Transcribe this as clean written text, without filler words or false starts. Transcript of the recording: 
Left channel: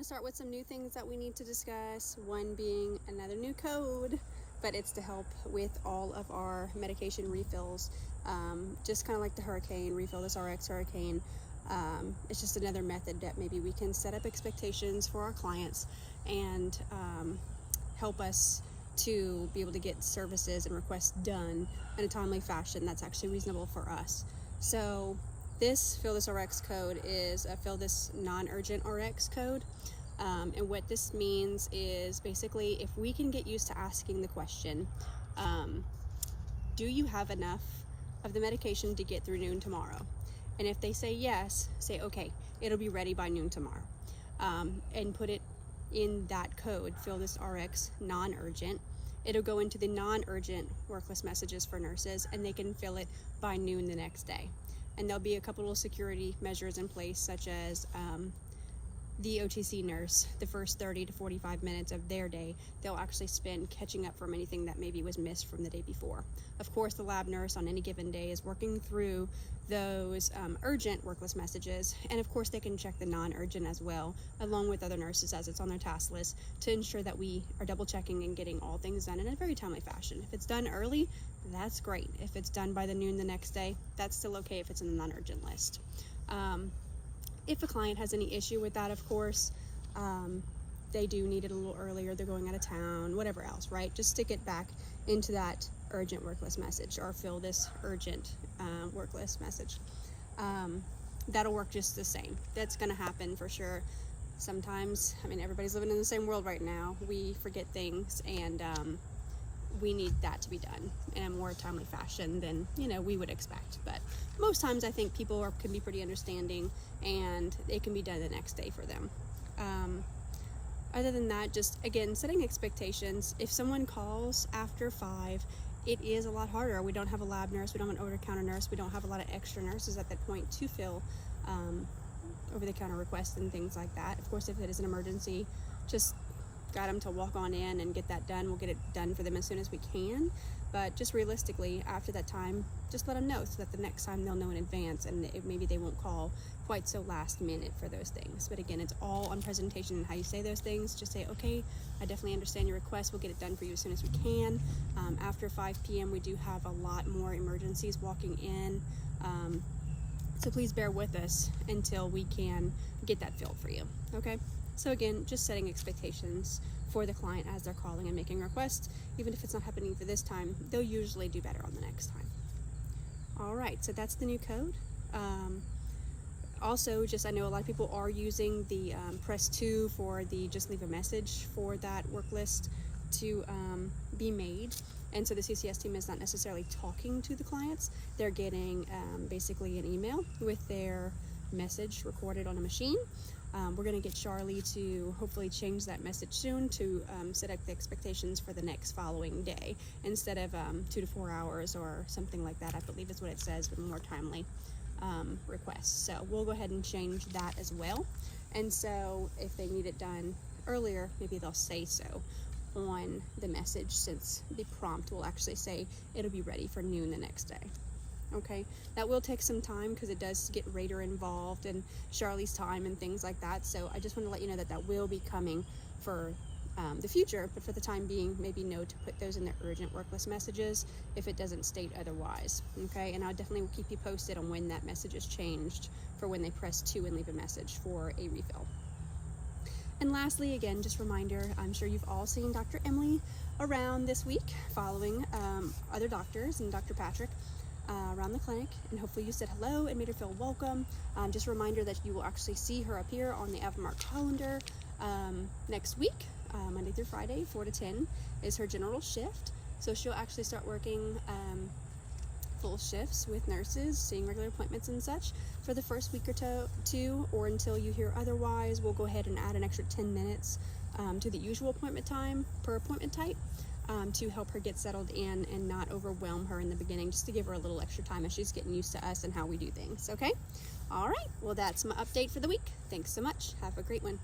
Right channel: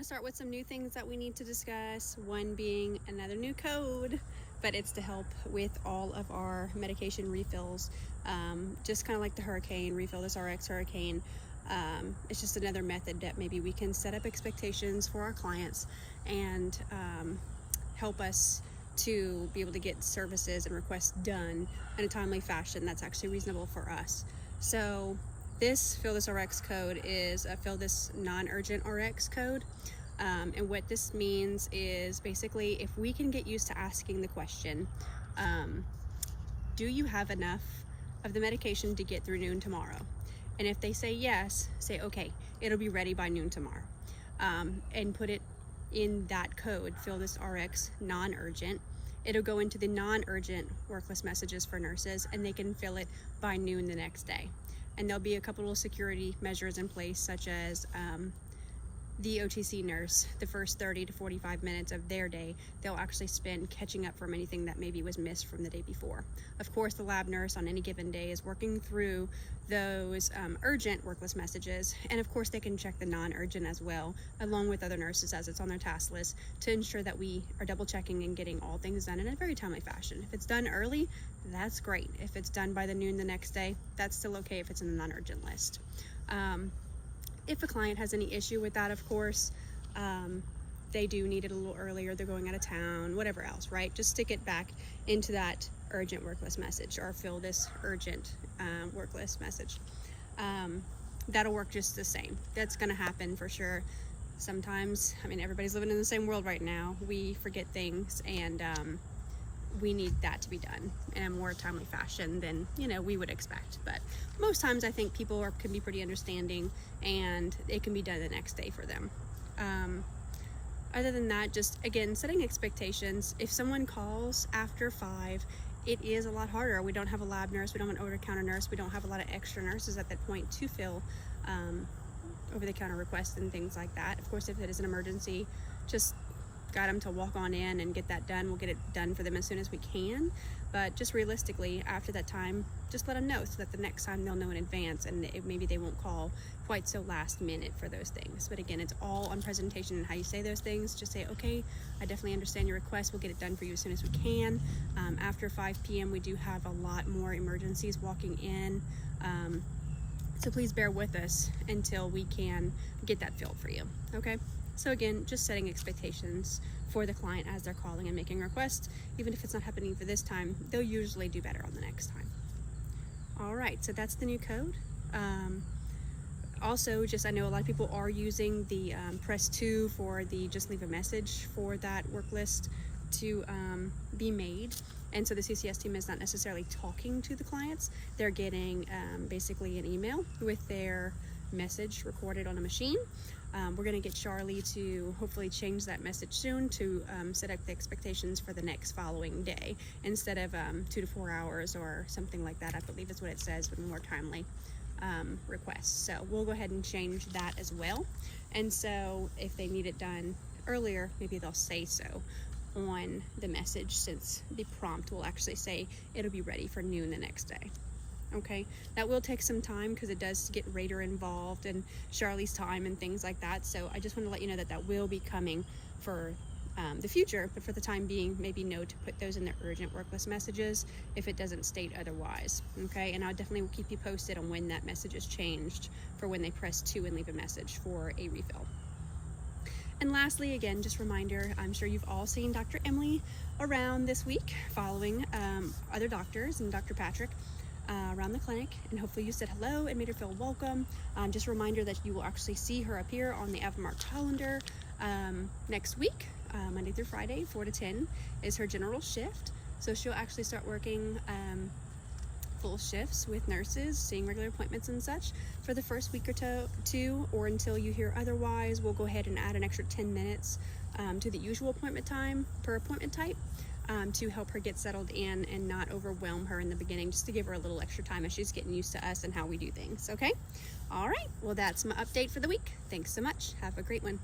want to start with some new things that we need to discuss, one being another new code, but it's to help with all of our medication refills, just kind of like the Hurricane, Refill This RX Hurricane. It's just another method that maybe we can set up expectations for our clients and help us to be able to get services and requests done in a timely fashion that's actually reasonable for us. So this Fill This RX code is a Fill This non-urgent RX code. And what this means is basically if we can get used to asking the question, do you have enough of the medication to get through noon tomorrow? And if they say yes, say, okay, it'll be ready by noon tomorrow. And put it in that code, Fill This RX non-urgent. It'll go into the non-urgent worklist messages for nurses, and they can fill it by noon the next day. And there'll be a couple of security measures in place, such as the OTC nurse, the first 30 to 45 minutes of their day, they'll actually spend catching up from anything that maybe was missed from the day before. Of course, the lab nurse on any given day is working through those urgent worklist messages, and of course they can check the non-urgent as well, along with other nurses as it's on their task list, to ensure that we are double checking and getting all things done in a very timely fashion. If it's done early, that's great. If it's done by the noon the next day, that's still okay if it's in the non-urgent list. If a client has any issue with that, of course, they do need it a little earlier, they're going out of town, whatever else, right? Just stick it back into that urgent work list message, or Fill This urgent work list message. That'll work just the same. That's going to happen for sure. Sometimes, I mean, everybody's living in the same world right now. We forget things, and we need that to be done in a more timely fashion than, we would expect. But most times I think people can be pretty understanding, and it can be done the next day for them. Other than that, just again, setting expectations. If someone calls after 5, it is a lot harder. We don't have a lab nurse, we don't have an over-the-counter nurse, we don't have a lot of extra nurses at that point to fill over-the-counter requests and things like that. Of course, if it is an emergency, just got them to walk on in and get that done. We'll get it done for them as soon as we can. But just realistically, after that time, just let them know so that the next time they'll know in advance, and maybe they won't call quite so last minute for those things. But again, it's all on presentation and how you say those things. Just say, okay, I definitely understand your request. We'll get it done for you as soon as we can. After 5 p.m., we do have a lot more emergencies walking in. So please bear with us until we can get that filled for you, okay? So again, just setting expectations for the client as they're calling and making requests. Even if it's not happening for this time, they'll usually do better on the next time. All right, so that's the new code. Also, I know a lot of people are using the Press 2 for the just leave a message for that work list to be made. And so the CCS team is not necessarily talking to the clients. They're getting basically an email with their message recorded on a machine. We're going to get Charlie to hopefully change that message soon to set up the expectations for the next following day instead of 2 to 4 hours or something like that. I believe is what it says, with more timely requests. So we'll go ahead and change that as well. And so if they need it done earlier, maybe they'll say so on the message, since the prompt will actually say it'll be ready for noon the next day. Okay, that will take some time because it does get Rater involved and Charlie's time and things like that. So I just want to let you know that that will be coming for the future, but for the time being, maybe know to put those in the urgent work list messages if it doesn't state otherwise. Okay, and I definitely will keep you posted on when that message is changed for when they press 2 and leave a message for a refill. And lastly, again, just reminder, I'm sure you've all seen Dr. Emily around this week following other doctors and Dr. Patrick around the clinic, and hopefully you said hello and made her feel welcome. Just a reminder that you will actually see her appear on the Avamart calendar next week, Monday through Friday, 4 to 10 is her general shift. So she'll actually start working full shifts with nurses, seeing regular appointments and such for the first week or two, or until you hear otherwise. We'll go ahead and add an extra 10 minutes to the usual appointment time per appointment type to help her get settled in and not overwhelm her in the beginning, just to give her a little extra time as she's getting used to us and how we do things, okay? All right, well, that's my update for the week. Thanks so much. Have a great one.